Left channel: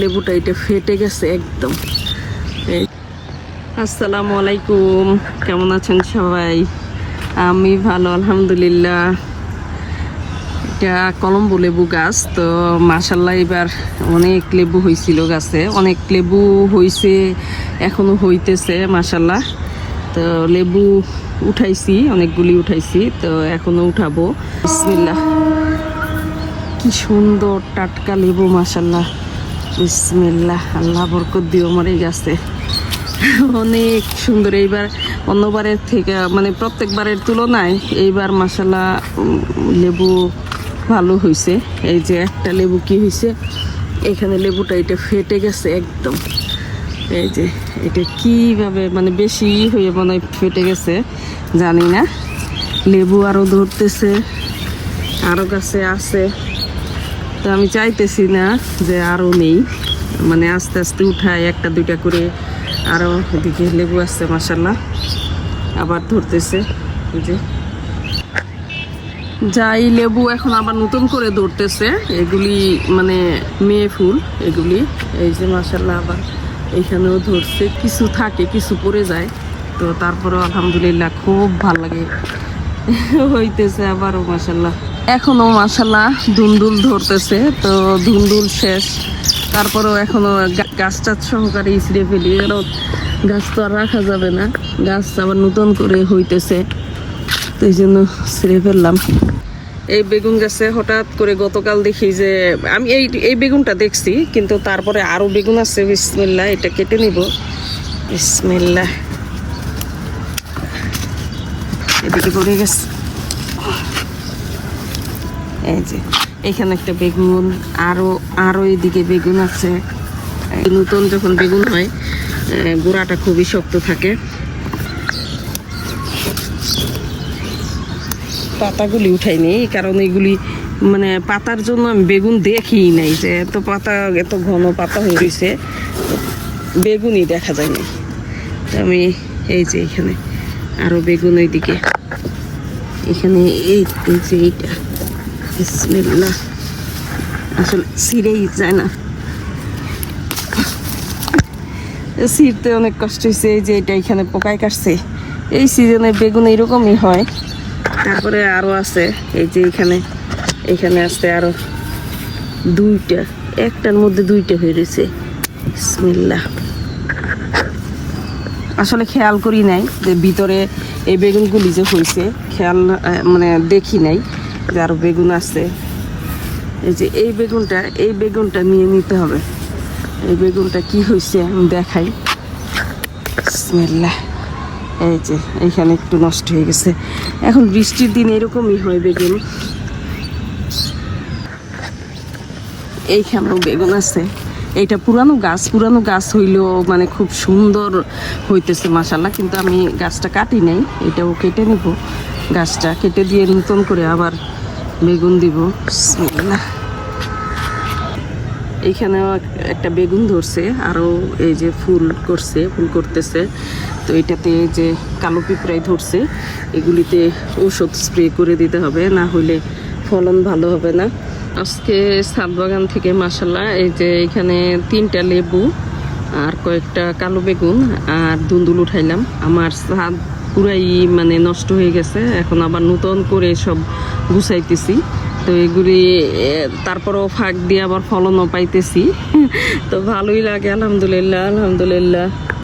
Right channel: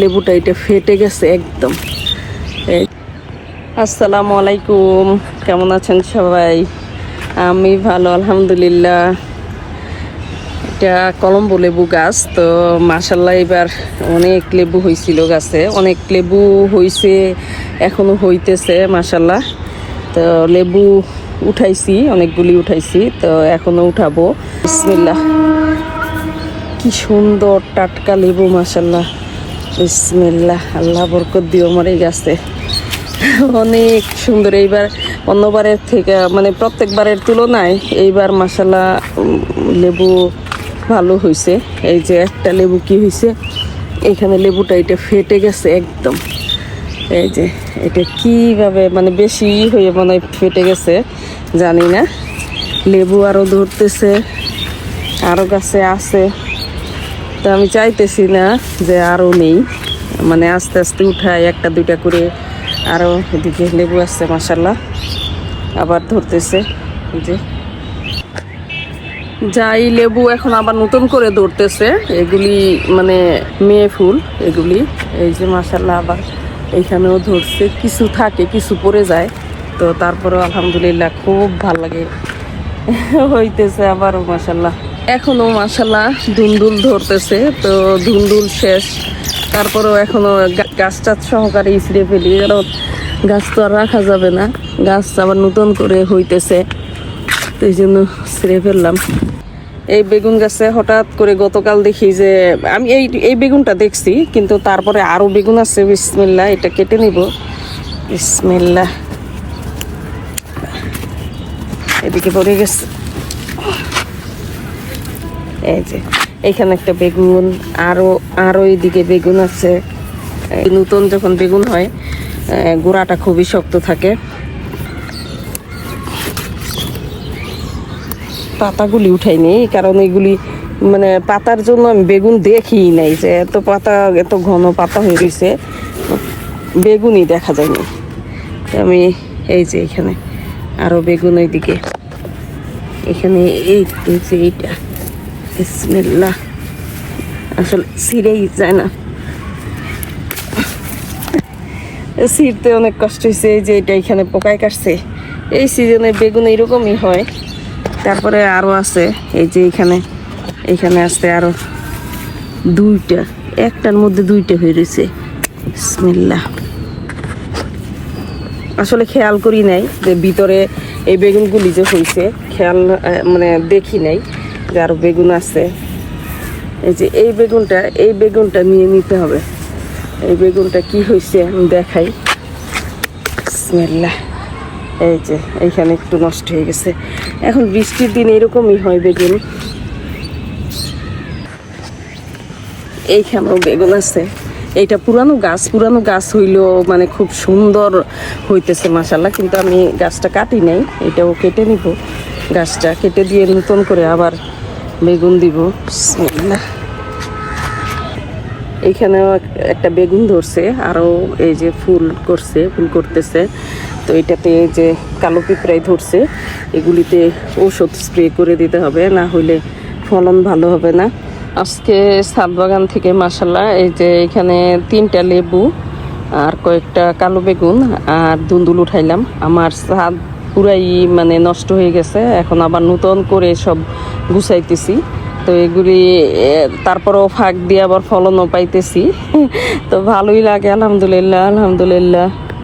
লেবুটা এটা ফেটে গেছে একদম। আসসালামু আলাইকুম, কেমন আছেন সবাই? আমি ভালো, আলহামদুলিল্লাহ। এটা কলম্বো লেবু গাছ, তো মাসাল্লাহ এবার অনেক লেবু হয়েছিল গাছে, অনেক লেবু হইছে, এখনও হইতেছে মাসাল্লাহ তো লেবু উঠাইছি, অনেকগুলি উঠাইছি, তো এখনও উঠাবো। বিসমিল্লাহ। কি সুন্দর টাটকা লেবু মাসাল্লাহ বিসমিল্লাহ, আল্লাহ বরকত দিও আমার এই গাছে। অনেক সুন্দর, এইবার অন্যবারের থেকে মানে প্রত্যেকবারের তুলনায় এইবার মাসাল্লাহ লেবু ভালো হয়েছে এই যে একটা লেবু কি হয়েছে এখানে লেবুটা এটা ফেটে গেছে একদম। এই যে, এটা কীভাবে মানে বেশি হয়ে মনে ফেটে গেছে, জানি না। লেবু আরও ধরতেছে আরও গাছে আছে। তো আমি চাইতেছি না যে আরও নেই। মানে আস্তে আস্তে উঠায় একটা, দুইটা করে। আরও এদিকে লেবু আসছে মাসাল্লাহ আবার ধরতেছে যে। যাই, লেবু এখন আবার নতুন করে ধরতেছে। এগুলি মানে মেয়ে ফুল, এগুলি। এই যে মাসাল্লাহ আবার এইখানেও ধরছে। কিছু থাকে, কিছু পড়ে যায়। তো তারপরেও আলহামদুলিল্লাহ খুব ভালো লাগে। হইতেছে আবারও মাসাল্লাহ এখনও মাসাল্লাহ ধুন্দুল ধরতেছে, তো ধুন্দুল শেষ। তারপরেও এখনও গা- গাছ টাছ সহকারে ইসড়ে ফেলি কারণ গাছ তো আর রাখা যাবে না, গাছ আবার নতুন করে হইতেছে, তো এই জন্য ছিঁড়ে ফেললাম। এই বেগুন গাছে হঠাৎ করে গতকাল দেখি যে, আমি এই এই বেগুনটা দেখছি, কিন্তু তারপরে আরও বেগুন আছে বিসমিল্লা এটা কেটে নিব। বিসমিল্লা এদিকে পড়ে গেছে। এই যে, এখানে একটা বেগুন, আরও আরও এদিকে বেগুন আছে। নতুন যখন বেগুন হয় গোড়াটা খুবই শক্ত থাকে। পাতাগুলি উঠাইনি কারণ এগুলি মানে পাতার জন্য আমি বেগুন দেখি নাই যে এত পাতা, এত ঘন পাতা হয়ে গেছে। বেগুনই দেখা যায়নি। আমি এই যে এখানে আরও বেগুন ওইদিকে। এখানে এই যে এইটা। বিসমিল্লাহ আসলে ছিঁড়েই যায় না। ছিঁড়তে অনেক কষ্ট হয়েছে এই যে এটা এখানে পোকায় কাটছে। এই সিজনে বেগুন এরকমই হয়। তারপরে আরও আছে, এই যে এখানে এখানে আছে আরও দুইটা, একটার মধ্যে দুইটা হয়ে রয়েছে। বিসমিল্লাহ। আসলে খেয়াল করি নাই যে ভিতরে এই বেগুনগুলি যে হয়েছে খেয়াল মানে দেখি নাই। যে আরও বেগুন আছে। এই যে এই বেগুনটা এই বেগুনটা নিয়ে নিতে হবে। এই বেগুনটা কি হয়েছে আমি দেখাই। বিসমিল্লাহ। এই যে, এইখানে একটু নষ্ট হয়ে গেছে। এখন বৃষ্টির দিন এরকমই হয় বেগুন। এইখানেও বেগুন আছে। এইটা পুরানো গাছ পুরানো গাছ হইলেও মানে খুব সুন্দর হইতেছে মাসাল্লাহ কিন্তু আমি গাছটা কাটি নাই, এটাও কেটে নিব। গাছটা কেটে দিয়ে নতুন করে আবার বেগুন দিব। এইখানেও একটা বেগুন ধরছে, আরও এই যে ফুল করছে, ফুল করতেছে। তো এটাতে যে কালো পিঁপড়াই ধরছে, এগুলিতে ঔষধ স্প্রে করে দিতে হবে, না হইলে ফলন ভালো হবে না। আজকে ছাদ বাগান থেকে মাসাল্লাহ এই যে এখানে তিনটা লেবু আর কয়েকটা কালো বেগুন আর দুন্দুল উঠাইলাম। আমার ছাদ পুরাই মানে নষ্ট হয়ে গেছে। এখন আবার নতুন করে সব গুছাইতেছি। তো এগুলি তারপরও ফাঁক দিয়ে আবার ফলনও পাইতেছি। তো ভালোই লাগে, আলহামদুলিল্লাহ আলহামদুলিল্লাহ।